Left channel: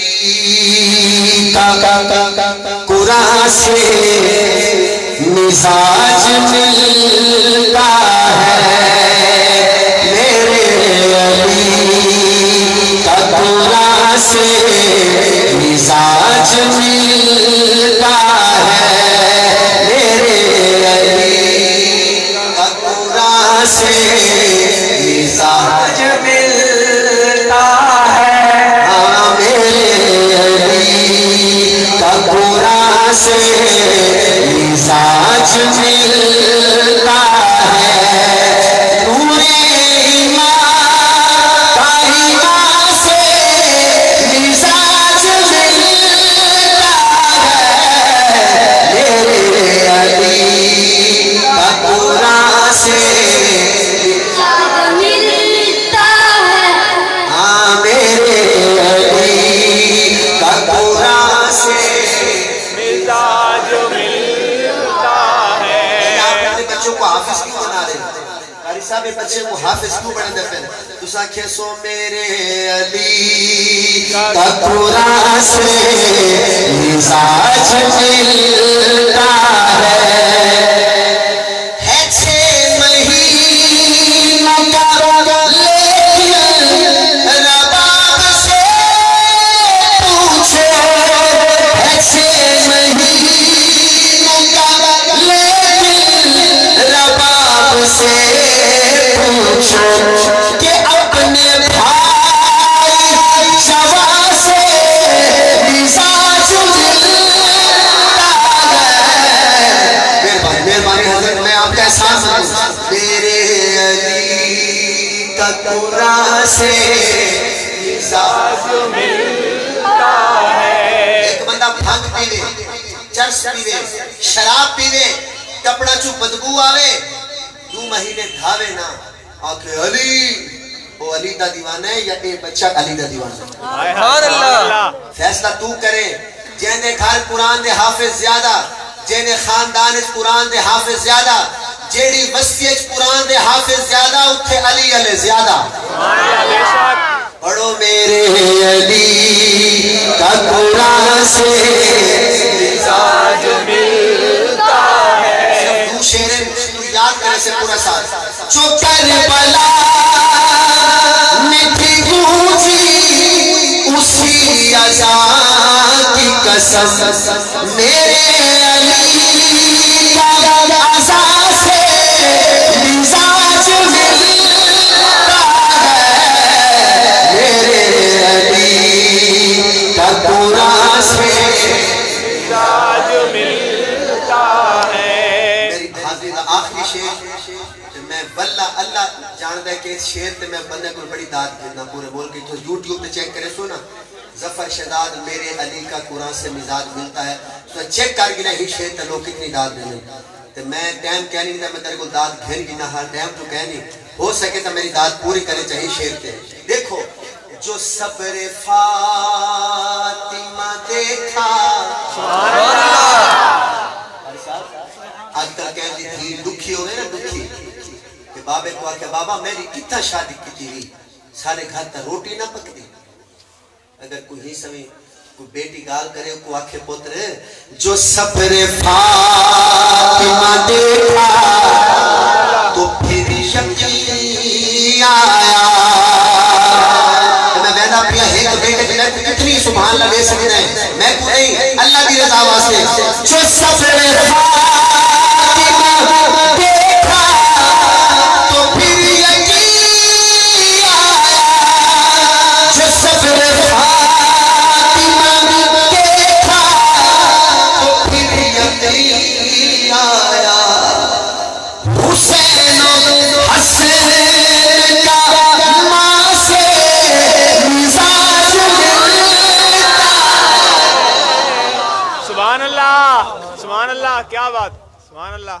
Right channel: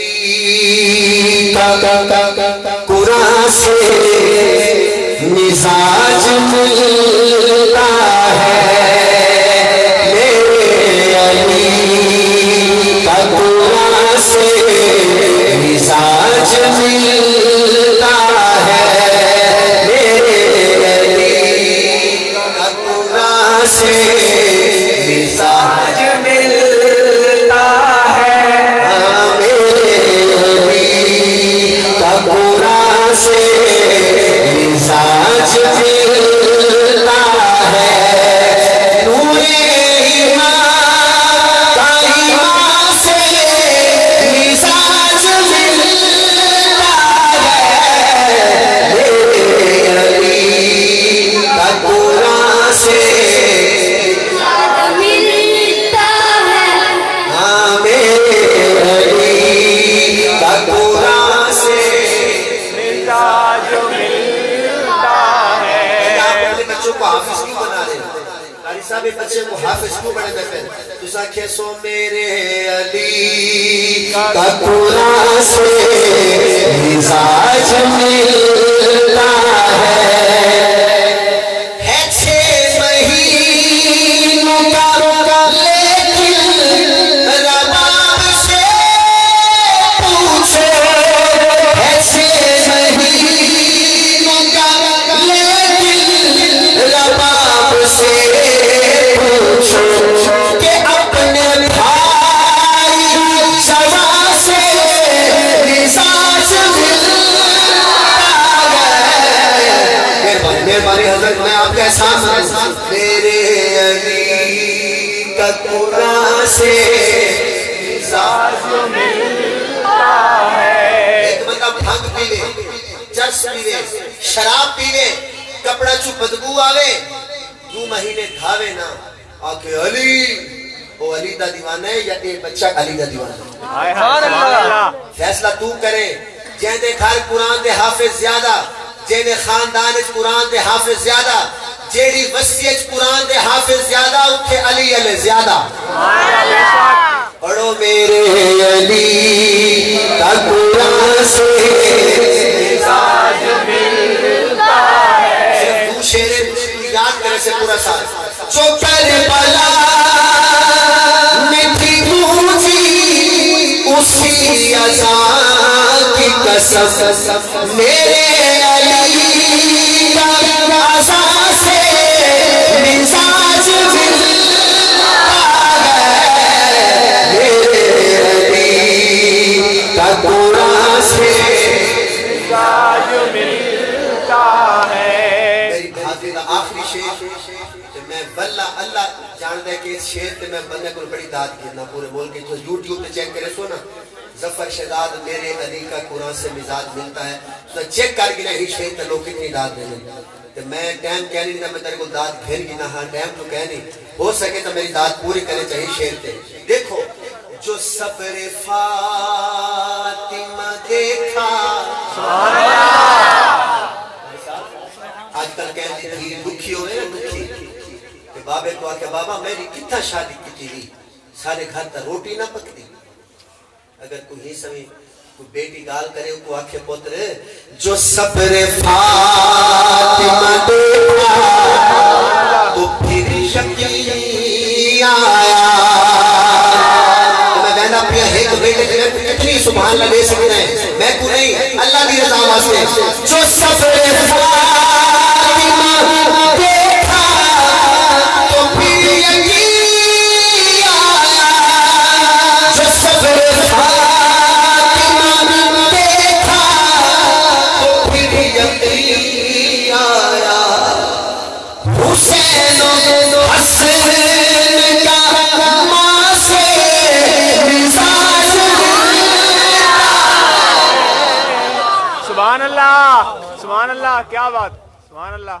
علی کا قرآن سے مزاج ملتا ہے، میرے علی کا قرآن سے مزاج ملتا ہے، میرے علی کا قرآن سے مزاج ملتا ہے، میرے علی کا قرآن سے مزاج ملتا ہے، نور ایمان کا ایمان سے مزاج ملتا ہے، میرے علی کا قرآن سے ملتا ہے، ہاں میرے علی کا قرآن سے مزاج حافظ کیوں بنا رہے ہیں؟ قاری صاحب بچے کو حافظ کیوں بنا دیتے ہیں؟ تو ساکھے سو میرے علی کا قرآن سے مزاج ملتا ہے، چھ مہینوں کا لیکن رباب سے پوچھو، چھ مہینوں کا رباب سے پوچھو کہ اپنے بھائی جوان سے مزاج ملتا ہے، مہربانی حضرت میں آپ کا احساس کروں، میرے علی کا قرآن سے مزاج ملتا ہے، ایک بندہ بھنگ پیوے، چرس پیوے، شراب پیوے، کپڑا چو بدبو آوے، 2 مہینے دھاوے نا آکھے علی، وہ علی دا دیوانہ ہے یا اے بچہ علی دا دیوانہ ہے؟ فیصلہ تو کرے، جینے گھر قرآن دے حافظ زیادہ، جینے خاندان اس قرآن دے حافظ زیادہ، جیڑی وسیعت قرآن دے حافظ زیادہ، اتھے علی علی زیادہ، پڑھو میرے علی کا قرآن سے مزاج ملتا ہے، شیرے یاد کرے سے پورا ساتھ، جو کربلا میں تھی گونجی اسی اذان کی قسم، میرے علی کا اذان سے مزاج ملتا ہے، میرے علی کا قرآن سے مزاج ملتا ہے۔ آخری شیر میں واللہ اللہ جاندہ ہے کہ اس شیر تے میں بندے کو بڑی داد کتنا پورے بول کے جو یوٹیوب تے چیک کرے سو نا، ظفر شہزاد میرے علی کا قرآن سے مزاج ملتا ہے، تو چیک کر گنا ہی شیر تے لوگ کتنی داد دینے، تو میں ٹائم کہہ نہیں تھا، میں تیرے کو داد گھر گنا، ہاں ٹائم تو کہہ نہیں، ہو سکے تو میری داد پوری کرنے چاہیے شیر تے، دیکھو جو صبر فاطمہ دیکھا، سبحان اللہ، آج کل کہنے تھی دکھی ہوئے نا، دکھی کہ بابے کو آکے بابا میری کتنا شادی کی تھی، سارے گھر تا روٹی نہ پکتی، اگر کوئی ہی سمیں کوئی بیٹی گال کرے کو آکھے پتر جو صبر فاطمہ دیکھا تو پھر یقین آیا، میں بینا پیا ایک بیٹے جنہیں کتنی سبحان اللہ لے سکتے ہیں، میں کو نہیں اللہ بھی رضا واسطے، جو صبر فاطمہ دیکھا تو پھر یقین آیا، جو صبر فاطمہ دیکھا تو پھر یقین آیا، حسین و حسن کا ماں سے مزاج ملتا، سبحان اللہ، سبحان اللہ، کیا بات، سبحان اللہ۔